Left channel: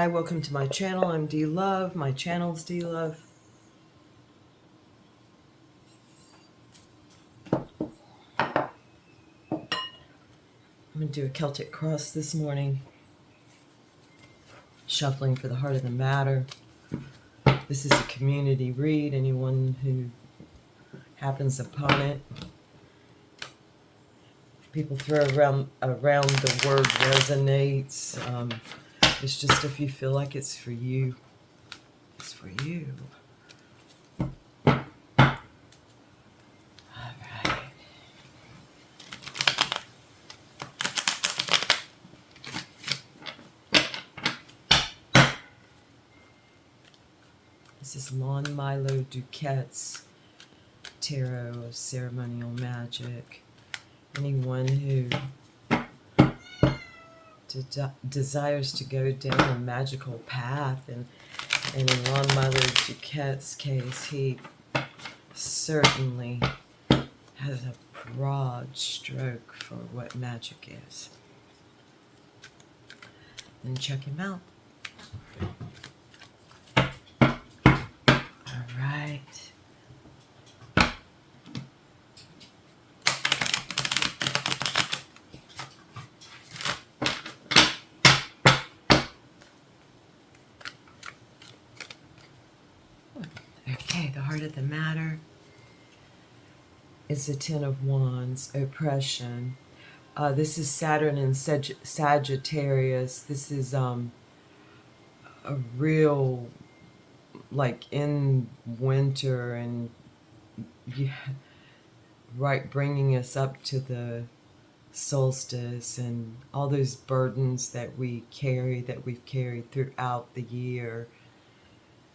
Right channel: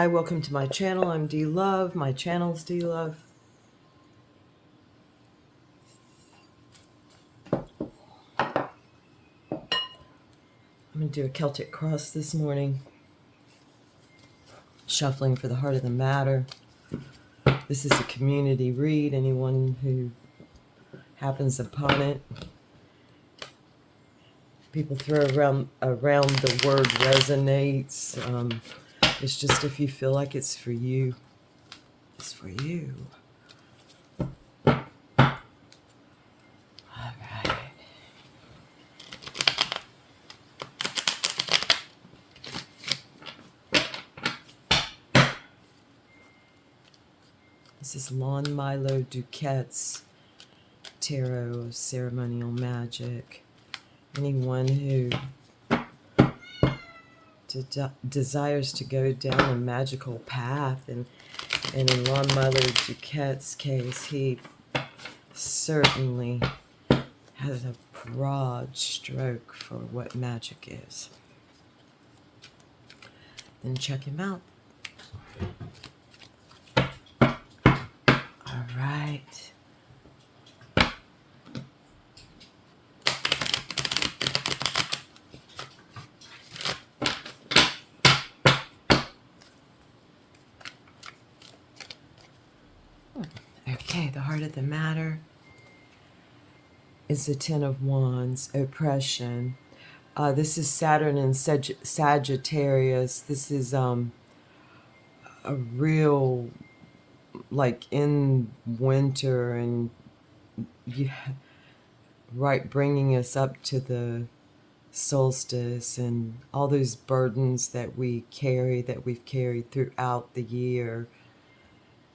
Hi, welcome to my channel. I'm D Love. My channel's D Love. I'm going to do a Celtic cross this morning. Shuffling for the heart of the matter. This is a community read. Anyone who happens upon it. People throw around the word resonates. It's just if you feel like it's for you, it's for you. This is Lon Milo Duquette's Tarot of Ceremonial Magic. Anyone who desires to go down a magical path, and in Lon Milo Duquette's case, he certainly has a broad stroke for what magic is. Then check him out. All right. Okay, the heart of the matter is the Ten of Wands, oppression. This is Saturn and Sagittarius. This is a real, like in winter, and right, bringing us up to the solstice and all those burdens that we've carried throughout the year.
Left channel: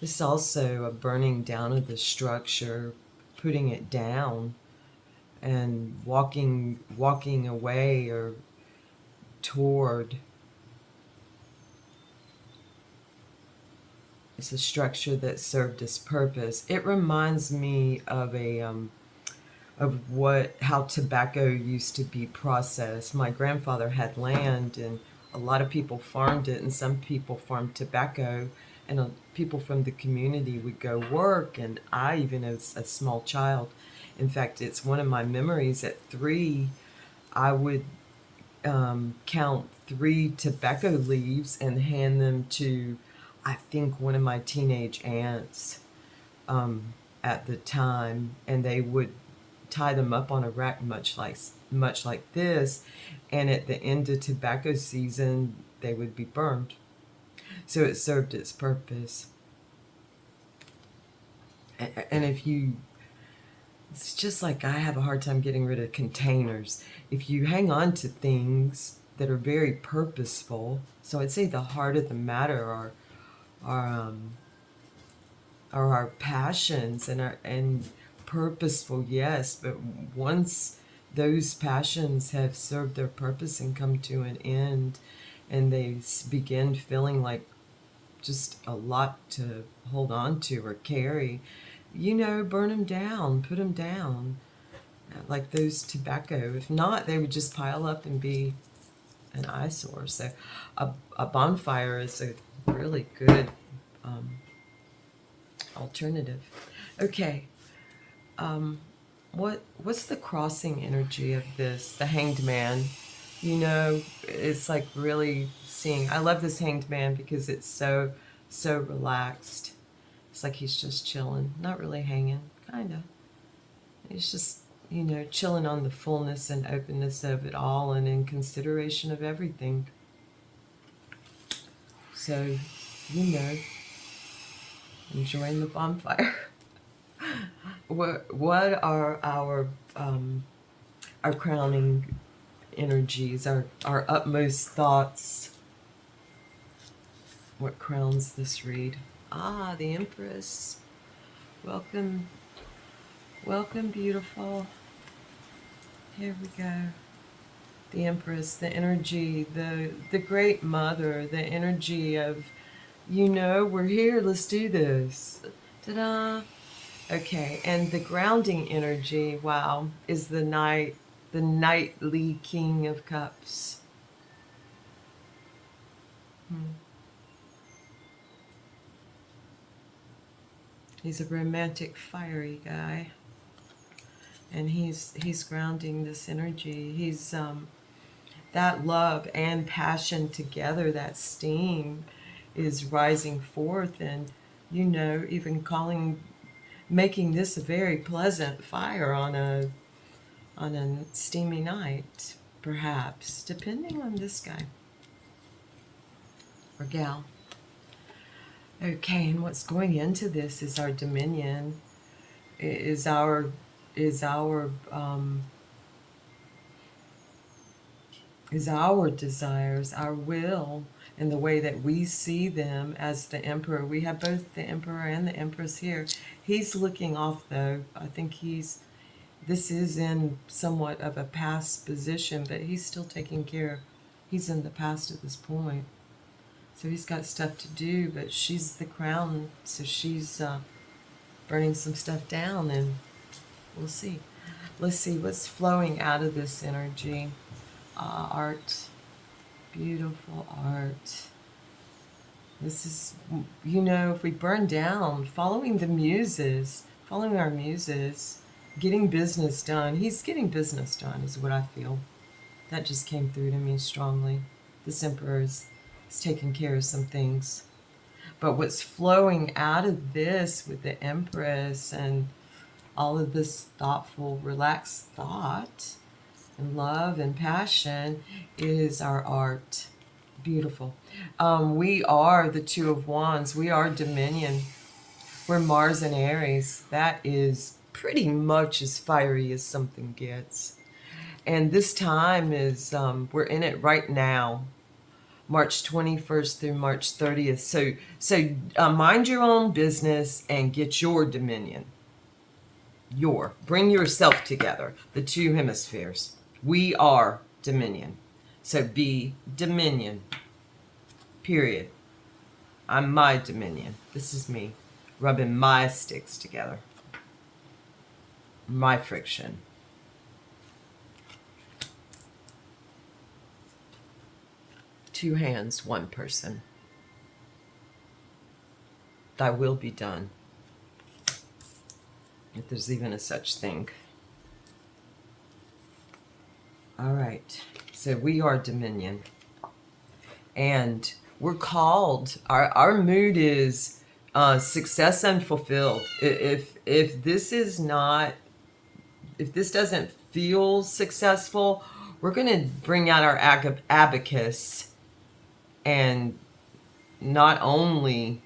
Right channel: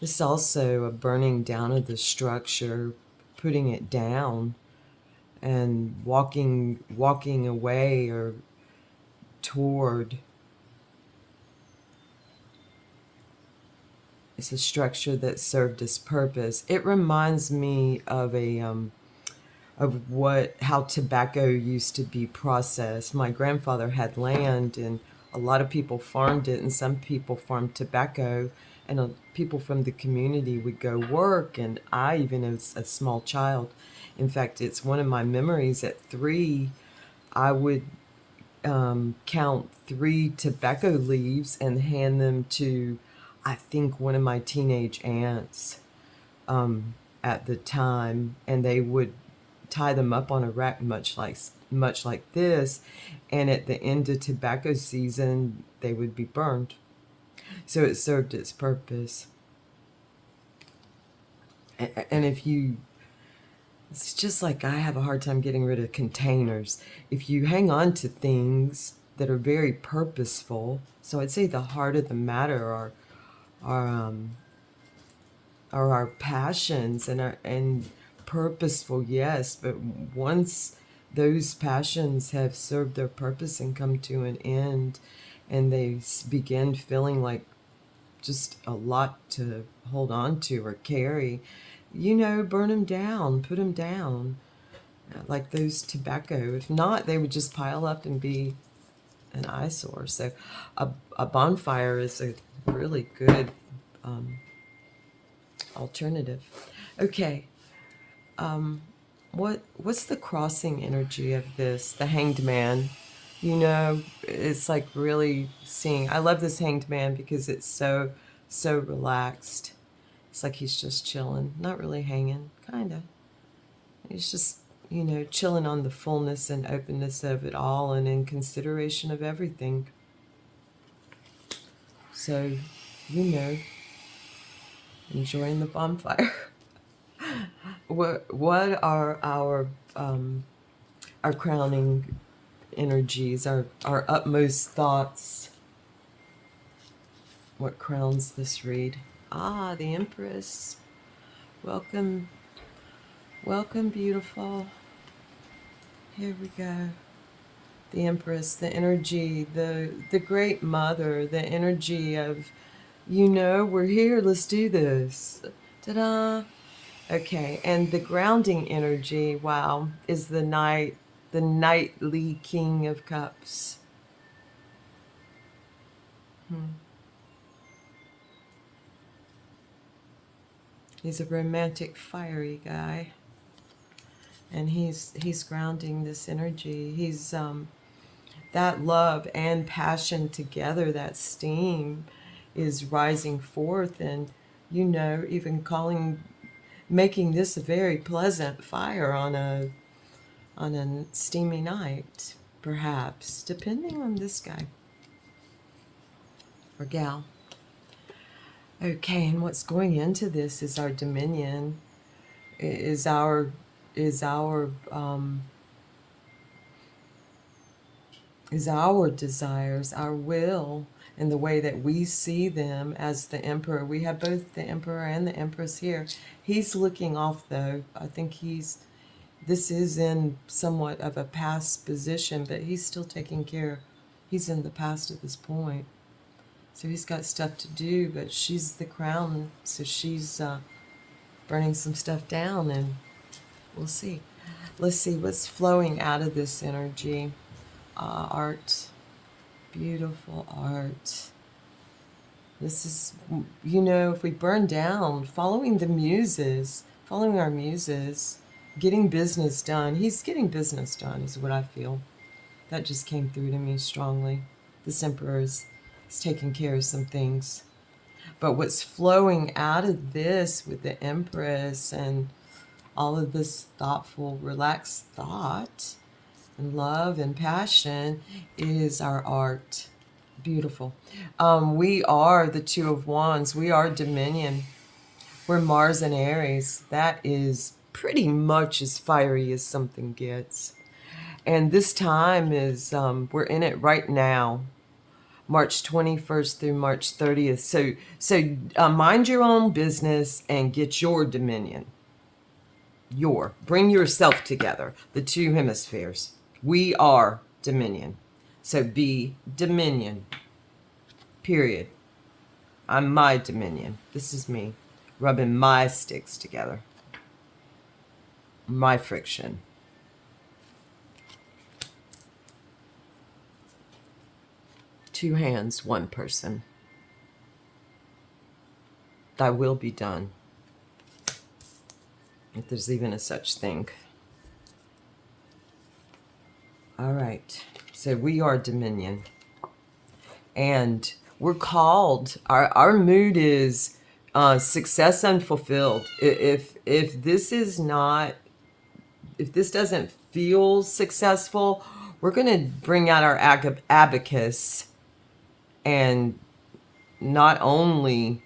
This is also a burning down of the structure, putting it down, and walking away or toward. It's a structure that served its purpose. It reminds me of how tobacco used to be processed. My grandfather had land, and a lot of people farmed it, and some people farmed tobacco, and people from the community would go work. And I, even as a small child, in fact, it's one of my memories. At 3, I would count 3 tobacco leaves and hand them to, I think, one of my teenage aunts at the time, and they would tie them up on a rack much like this, and at the end of tobacco season they would be burned. So it served its purpose. And it's just like I have a hard time getting rid of containers. If you hang on to things that are very purposeful, so I'd say the heart of the matter are our passions and purposeful, yes, but once those passions have served their purpose and come to an end, and they begin feeling like just a lot to hold on to or carry, burn them down, put them down, like those tobacco. If not, they would just pile up and be an eyesore. So a bonfire is a really good alternative. Okay. What's the crossing energy of this? The Hanged Man. It's like really seeing. I love this Hanged Man because it's so relaxed. It's like he's just chilling, not really hanging, kind of. He's just, chilling on the fullness and openness of it all, and in consideration of everything. So, enjoying the bonfire. What are our crowning energies, our utmost thoughts? What crowns this read? The Empress. Welcome, beautiful. Here we go. The Empress, the energy, the Great Mother, the energy of, we're here, let's do this. Ta-da! Okay, and the grounding energy, wow, is the knightly King of Cups. He's a romantic, fiery guy. And he's grounding this energy. He's that love and passion together, that steam is rising forth, and even making this a very pleasant fire on a steamy night, perhaps, depending on this guy or gal. Okay, and what's going into this is our dominion, is our desires, our will, and the way that we see them as the emperor. We have both the emperor and the empress here. He's looking off, though. I think this is in somewhat of a past position, but he's still taking care. He's in the past at this point. So he's got stuff to do, but she's the crown, so she's burning some stuff down, and we'll see. Let's see what's flowing out of this energy. Art, beautiful art. This is, if we burn down, following our muses, getting business done. He's getting business done is what I feel. That just came through to me strongly. This emperor is taking care of some things. But what's flowing out of this with the empress and all of this thoughtful, relaxed thought and love and passion is our art. Beautiful. We are the Two of Wands. We are Dominion. We're Mars and Aries. That is pretty much as fiery as something gets. And this time is, we're in it right now. March 21st through March 30th. So mind your own business and get your dominion. Bring yourself together. The two hemispheres. We are dominion. So be dominion. Period. I'm my dominion. This is me. Rubbing my sticks together. My friction. Two hands, one person. Thy will be done. If there's even a such thing. All right. So we are dominion. And we're called, our mood is success unfulfilled. If this doesn't feel successful, we're going to bring out our abacus and not only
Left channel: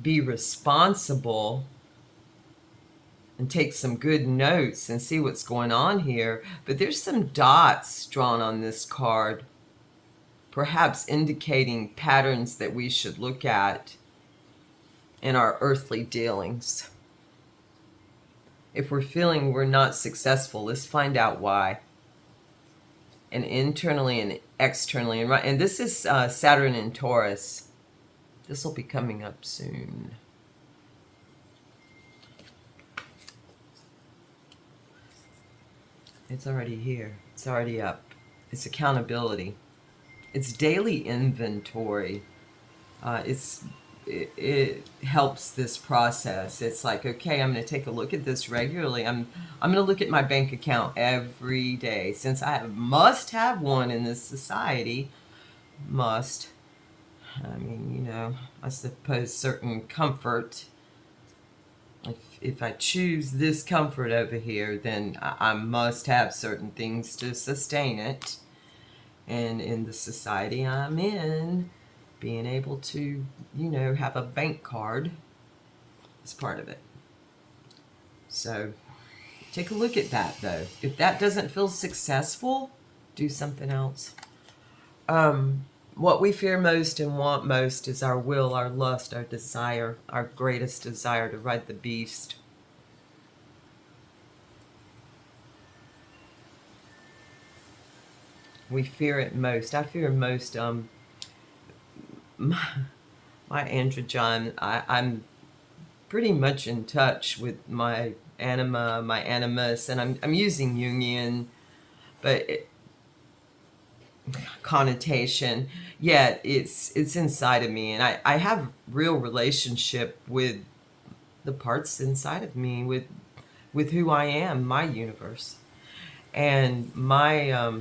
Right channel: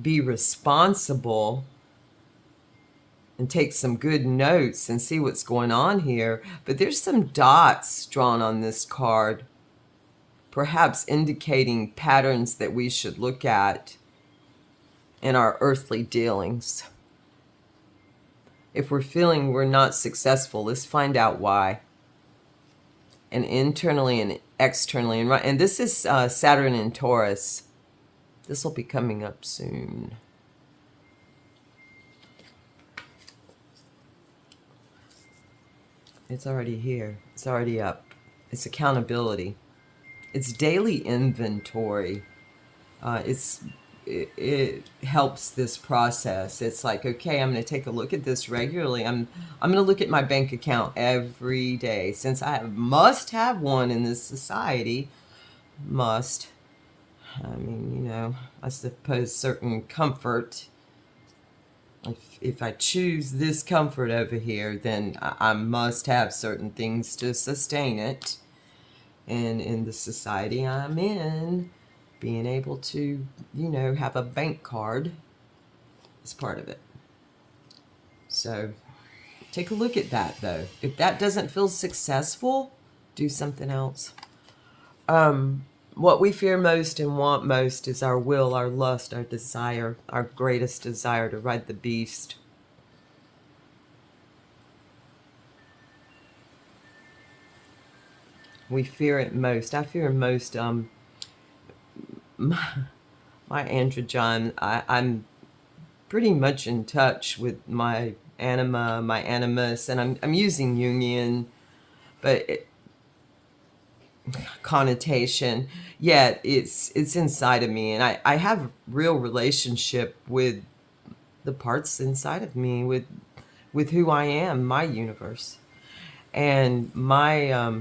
be responsible and take some good notes and see what's going on here, but there's some dots drawn on this card, perhaps indicating patterns that we should look at in our earthly dealings. If we're feeling we're not successful, let's find out why. And internally and externally. And this is Saturn in Taurus. This will be coming up soon. It's already here. It's already up. It's accountability. It's daily inventory. It helps this process. It's like, okay, I'm going to take a look at this regularly. I'm going to look at my bank account every day, since I must have one in this society. Must. I mean, I suppose certain comfort. If I choose this comfort over here, then I must have certain things to sustain it. And in the society I'm in, being able to, have a bank card is part of it. So take a look at that, though. If that doesn't feel successful, do something else. What we fear most and want most is our will, our lust, our desire, our greatest desire to ride the beast. We fear it most. I fear most my androgen. I'm pretty much in touch with my anima, my animus, and I'm using Jungian, but connotation, yet it's inside of me, and I have real relationship with the parts inside of me, with who I am, my universe, and my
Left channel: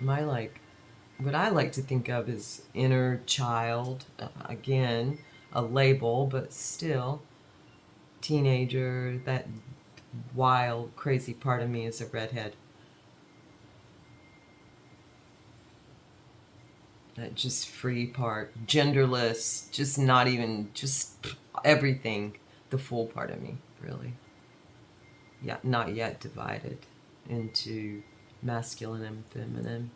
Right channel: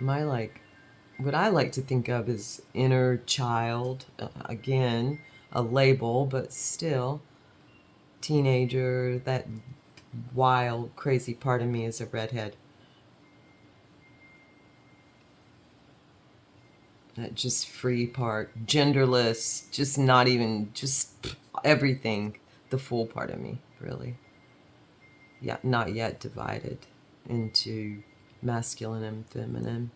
like what I like to think of as inner child, again, a label, but still teenager, that wild, crazy part of me is a redhead. That just free part, genderless, just not even, just everything, the full part of me, really. Yeah, not yet divided into masculine and feminine.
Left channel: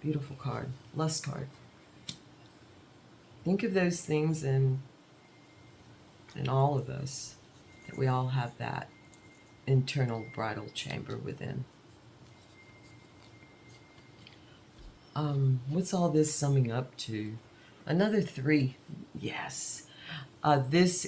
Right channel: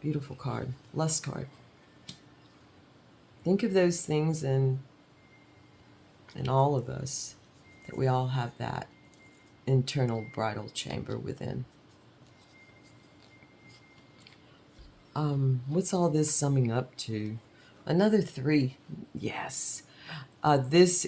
Beautiful card. Lust card. Think of those things in all of us, that we all have that internal bridal chamber within. What's all this summing up to? Another 3. Yes. This